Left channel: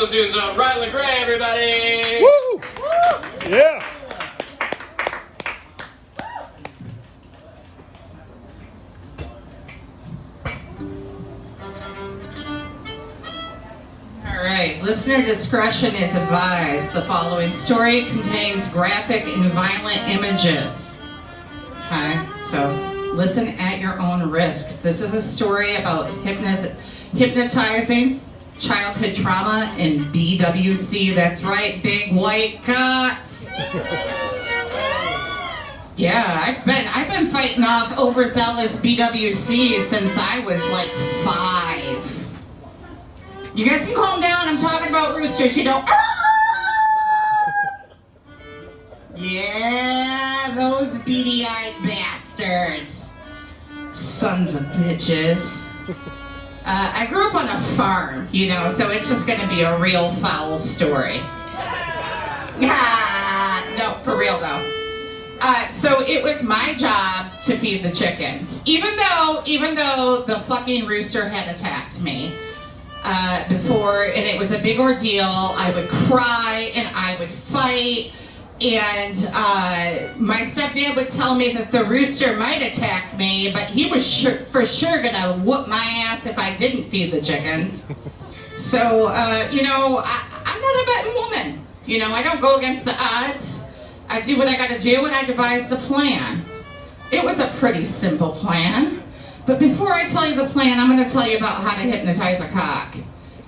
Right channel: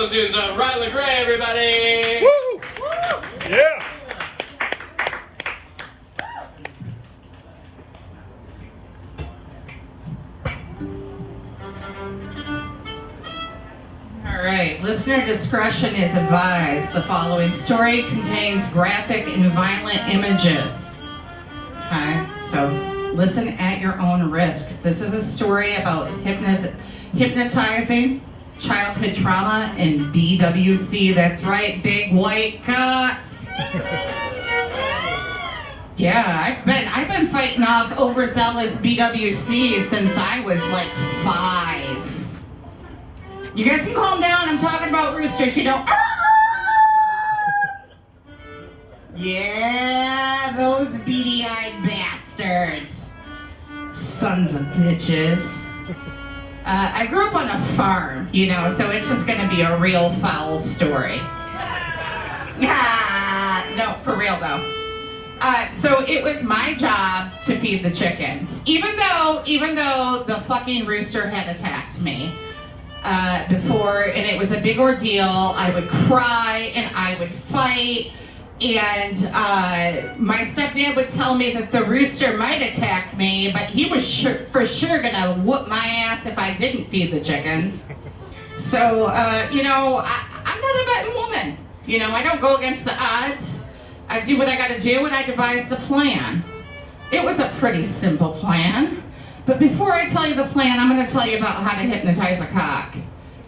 Riley Gray, everybody! Woo! Woo! Yeah! All right, listener discretion is advised. The following story contains graphic and violent images. Okay, so listen at your own risk. This is a story about hypnotizing, childhood trauma, and BWC. That's right, big white cocks. Yeah, I've been fighting off overzealous BWC since I was like 5. You guys can calm down. I'm talking about roosters. You don't. Yeah, those beady-eyed bastards. Sons of bitches. I grew up on a farm, you know, so it's just going to be a real foul story. No, for real though. So it was my job to feed the chickens, even though the fucking rooster had attacked me before, and it was a big ordeal. I would cry and I would fight. And my stepdad would tell me that the rooster might attack me, but he was for sure gonna whoop my ass if I didn't feed the chickens. So, you know, I'm not a betting woman. You know, I don't go against the odds. I do what I gotta do, and I devised a plan. It was a pretty simple plan. But before I tell you the plan, I'm gonna tell you about how to hypnotize a cock.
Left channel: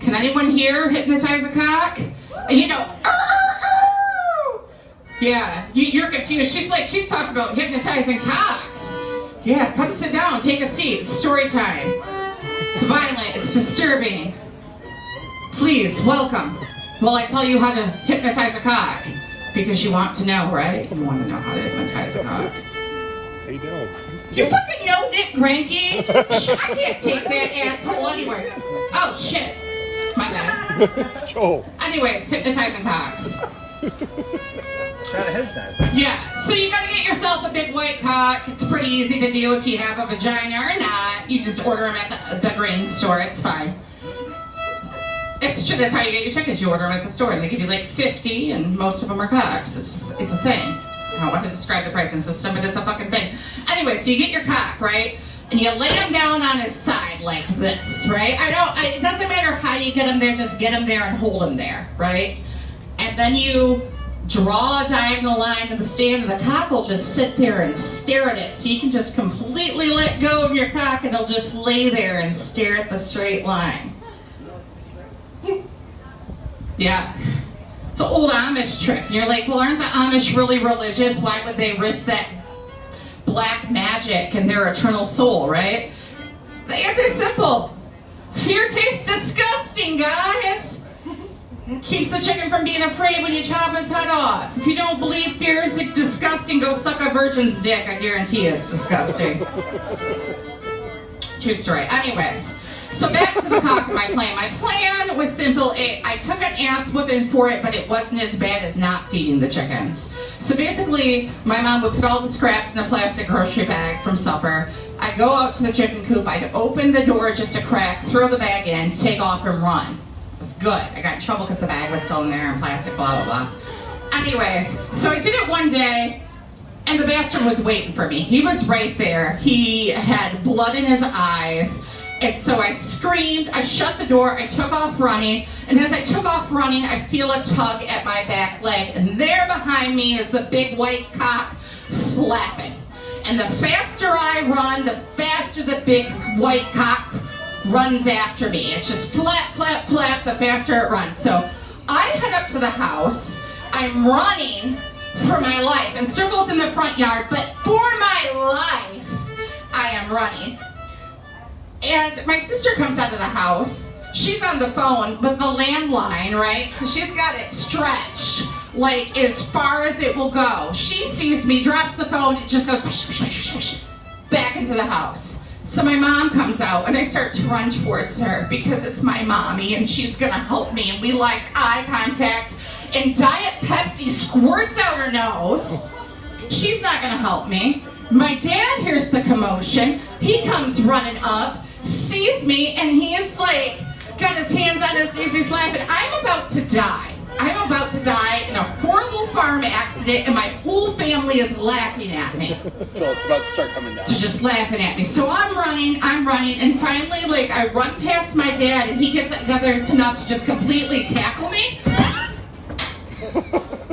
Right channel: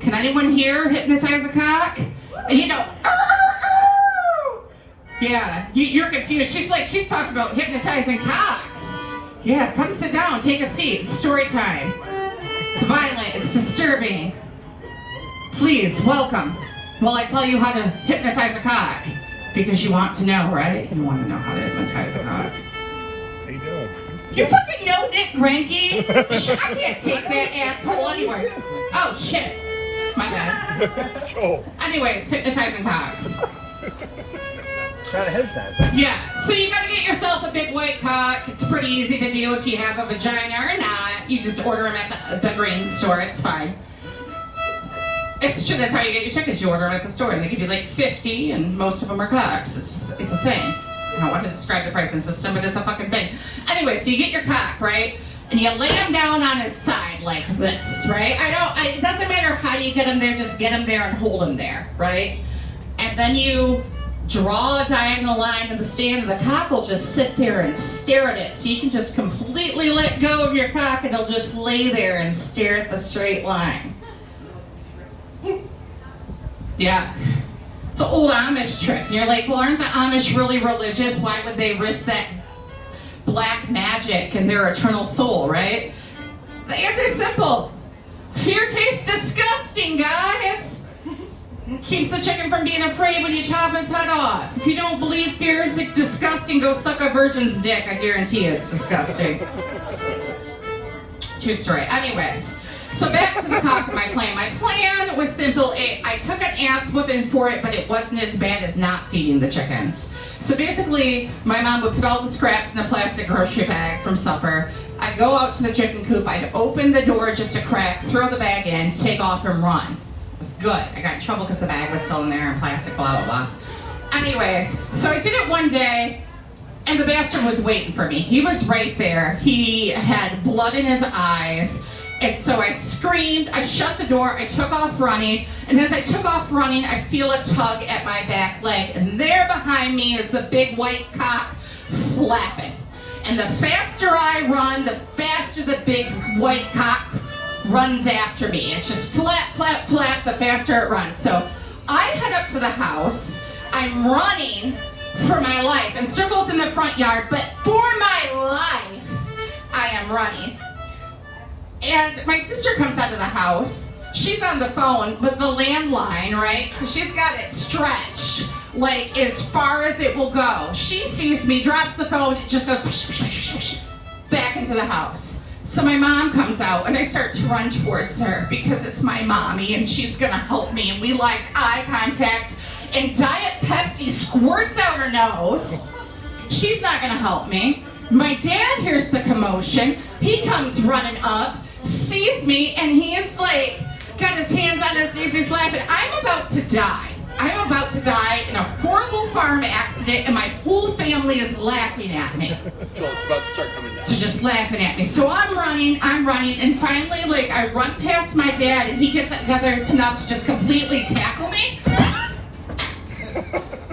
Can anyone here hypnotize a cock? And you know, yeah, you're confused. She's talking about hypnotizing cocks. Yeah, come sit down, take a seat. It's story time. It's violent, it's disturbing. Please, welcome. While I tell you how to hypnotize a cock. Because you want to know, right? You want to know how to hypnotize a cock. Hey, Bill. You fucking know Nick Cranky? Shit, I can't take that asshole anywhere. Oh, shit. My bad. It's Joel. Anyways, hypnotizing cocks. Trying to hypnotize. Yeah, so you gotta get yourself a big white cock. It's pretty easy to do if you have a vagina or not. You just order them at the grain store. It's fine. It's true. That's how you get your chickens. You order them at the store, and they give you like 50, and most of them are cocks. It's a thing. I don't want to describe the pricing system, but it's a fucking thing. Anyway, so you get your cock, right? And you lay him down on his side like this, right? It doesn't matter how you get him there, just get him there and hold him there, right? And then you draw a diagonal line in the stand, and the cock will just sit there and stare at it. So you can just completely let go of your cock, and he'll just lay there and stare at the straight line. Yeah. It's an old Amish trick. You're like, well, aren't the Amish really religious? Why would they risk that black magic and their eternal soul, right? The answer's simple. Fear tastes disgusting, guys. Keeps the chicken from being afraid when you chop his head off. If you don't believe fear is disgusting, go suck a virgin's dick. I guarantee you it's disgusting. True story. Anyways, so back to the cock of my plan. My plan was simple. I took an ass whipping for it, but it wasn't as bad as not feeding the chickens. So basically, my mom would put all the scraps in a plastic grocery bag from supper. I'd go out to the chicken coop. I'd open the door just a crack, throw the bag in, take off and run. It was good. I got in trouble because the bag was still in there and plastic, blah, blah, blah. Anyways, so I did it one day, and the bastard was waiting for me. He was right there. He had blood in his eyes. And so I screamed, I shut the door, I took off running, and as I took off running, I feel a tug at my back leg, and there behind me is the big white cock flapping. And the faster I run, the faster the big white cock runs after me. It's just flap, flap, flap, the faster it runs. So I head up to the house, I'm running for my life, and Circle's in the front yard, but for my life, I am running. And my sister comes out of the house. She's on the phone with the landline, right? So she's got it stretched, like as far as it will go. She sees me, drops the phone, it just goes back into the house. So my mom comes out, and I start to run towards her because it's my mommy, and she's gonna help me. And we like eye contact, and Diet Pepsi squirts out her nose. She's not gonna help me. My dad hears the commotion. He comes running up, sees me, and he is like, got his hands on his knees, he's laughing. I'm about to die. I'm about to die in a horrible farm accident, and my whole family is laughing at me. So it's about to start coming down. They're just laughing at me. So I'm running, and finally, like, I run past my dad, and he gets together enough to just completely tackle me.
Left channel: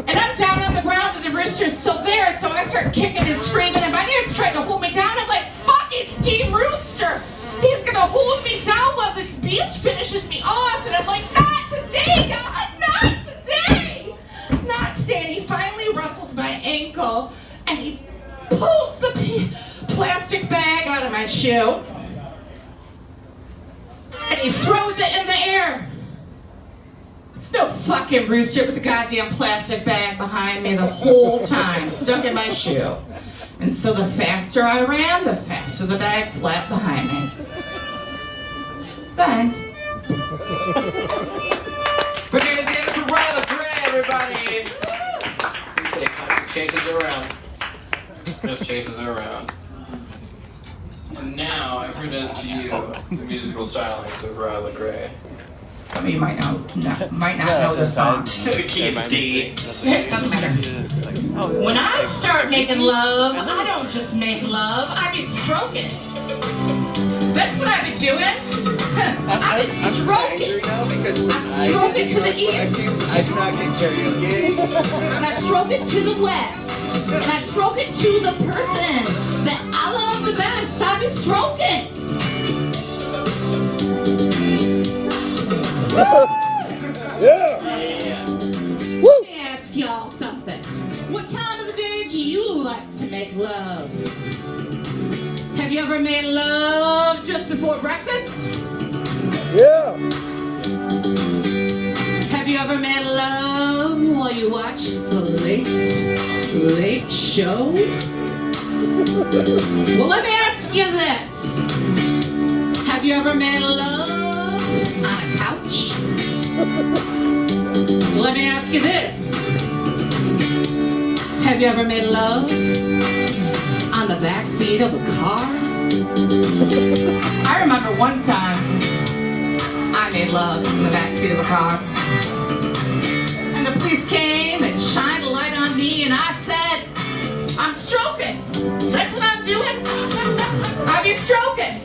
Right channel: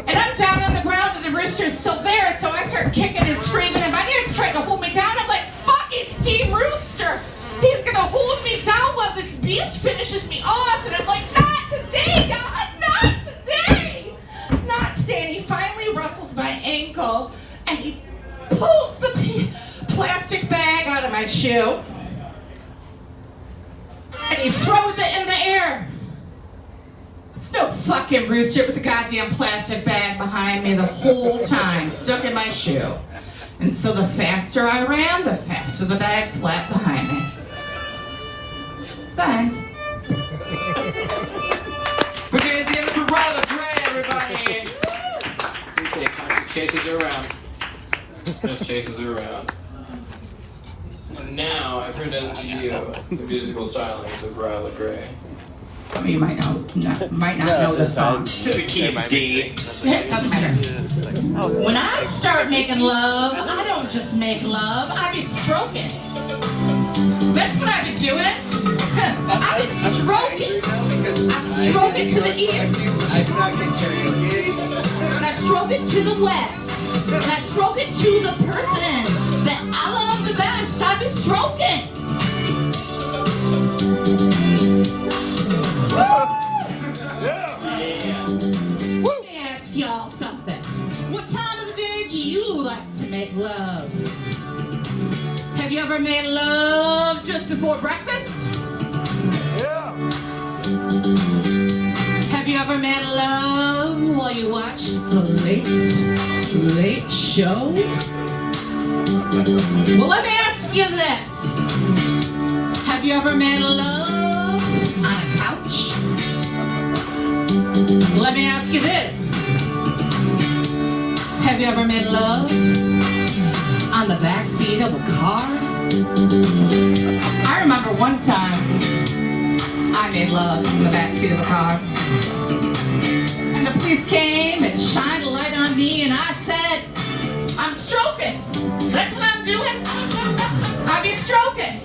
And I'm down on the ground, and the rooster's still there, so I start kicking and screaming, and my dad's trying to hold me down. I'm like, fuck, it's Team Rooster. He's gonna hold me down while this beast finishes me off. And I'm like, not today, God, not today. Not today. And he finally rustles my ankle, and he pulls the plastic bag out of my shoe, and he throws it in the air. It's no fucking rooster. It was a goddamn plastic bag behind me the whole time, stuck in my shoe. And so the faster I ran, the faster the bag flat behind me. But We're gonna give it to Riley Gray, everybody. Just chases her around. Just chases her around. And now I present to you the musical stylings of Riley Gray. some of you might not know the song. To the key of D. It doesn't matter. When I start making love, I don't just make love, I be stroking. That's what I be doing. I be stroking. I stroke it to the east. And I stroke it to the west. And I stroke it to the person that I love the best. I be stroking. Yeah. Let me ask y'all something. What time of the day do you like to make love? Have you ever made love just before breakfast? Yeah. Have you ever made love while you watch the late show? Well, let me ask you this. Have you ever made love on a couch? Let me ask you this. Have you ever made love on the back seat of a car? I remember one time I made love in the back seat of a car. And the police came and shined a light on me, and I said, I'm stroking. That's what I'm doing. I be stroking.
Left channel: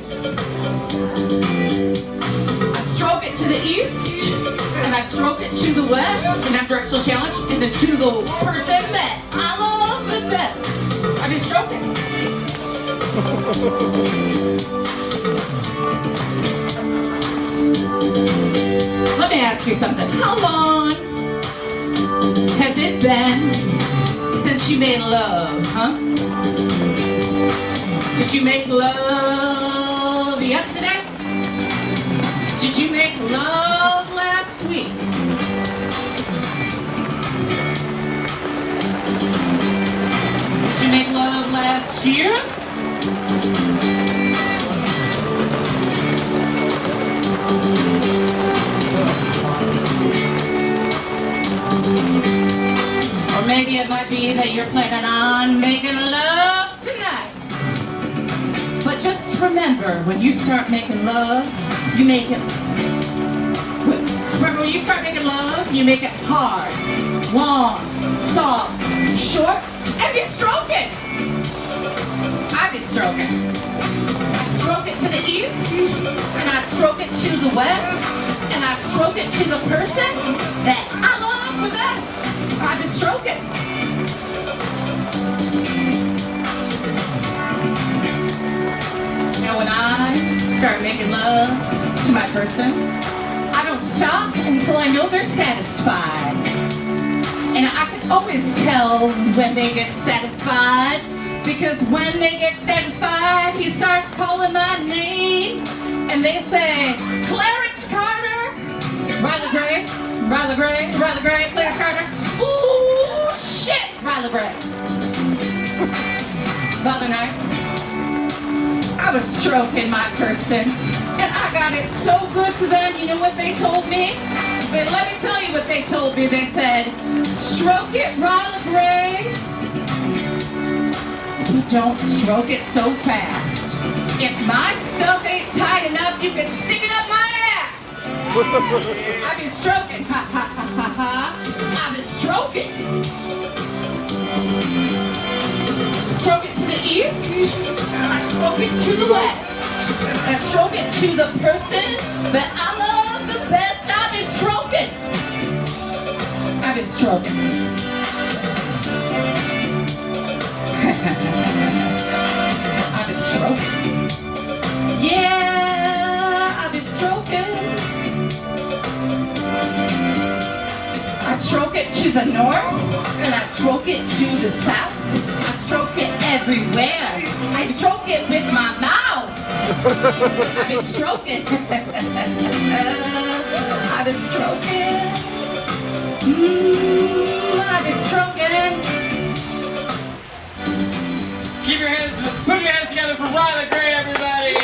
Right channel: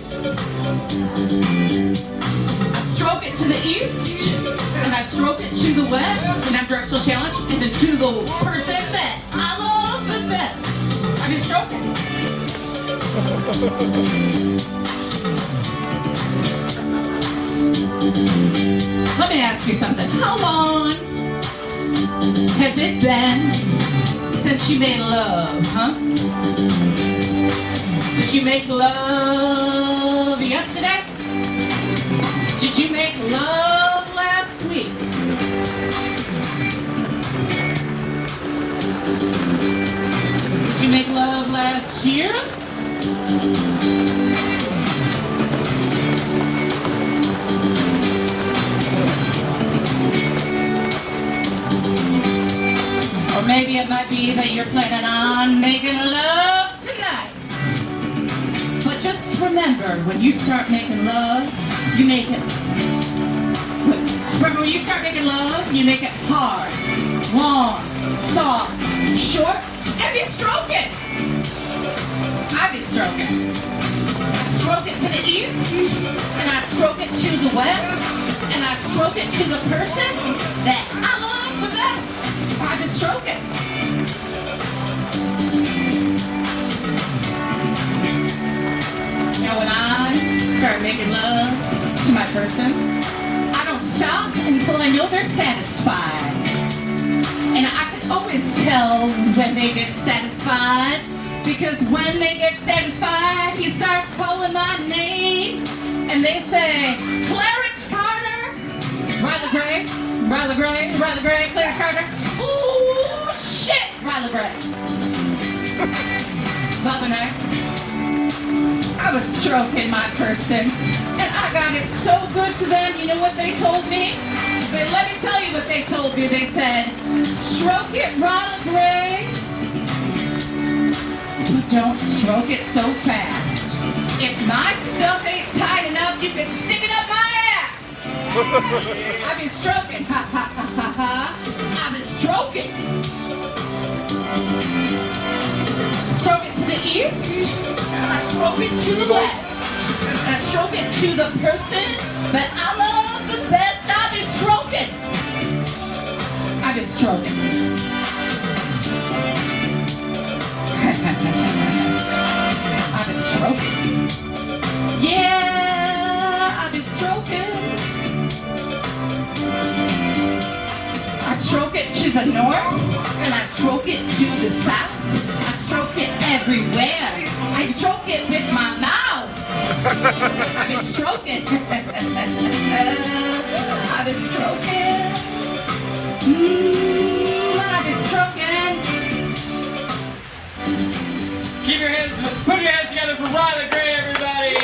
I stroke it to the east, and I stroke it to the west, and after directional challenge, and then to the person that I love the best. I be stroking. Let me ask you something. How long has it been since you made love, huh? Did you make love yesterday? Did you make love last week? Did you make love last year? Or maybe it might be that you're planning on making love tonight. But just remember, when you start making love, you make it. Remember, when you start making love, you make it hard, long, soft, short, and you stroke it. I be stroking. I stroke it to the east, and I stroke it to the west, and I stroke it to the person that I love the best. I be stroking. Now when I start making love to my person, I don't stop until I know they're satisfied. And I can always tell when they get satisfied, because when they get satisfied, he starts calling my name, and they say, Clarence Carter, Riley Gray, Riley Gray, Riley Gray, Clarence Carter. Ooh, shit, Riley Gray. The other night, I was stroking my person, and I got it so good to them. You know what they told me? Let me tell you what they told me. They said, stroke it, Riley Gray. But don't stroke it so fast. If my stuff ain't tight enough, you can stick it up my ass. I've been stroking, ha ha ha ha ha. I've been stroking. Stroke it to the east, and I stroke it to the west. And I stroke it to the person that I love the best. I've been stroking. I've been stroking. I've been stroking. Yeah, I've been stroking. I stroke it to the north, and I stroke it to the south. I stroke it everywhere. I stroke it with my mouth. I've been stroking. I've been stroking. I've been stroking. Keep your hands, put your hands together for Riley Gray, everybody.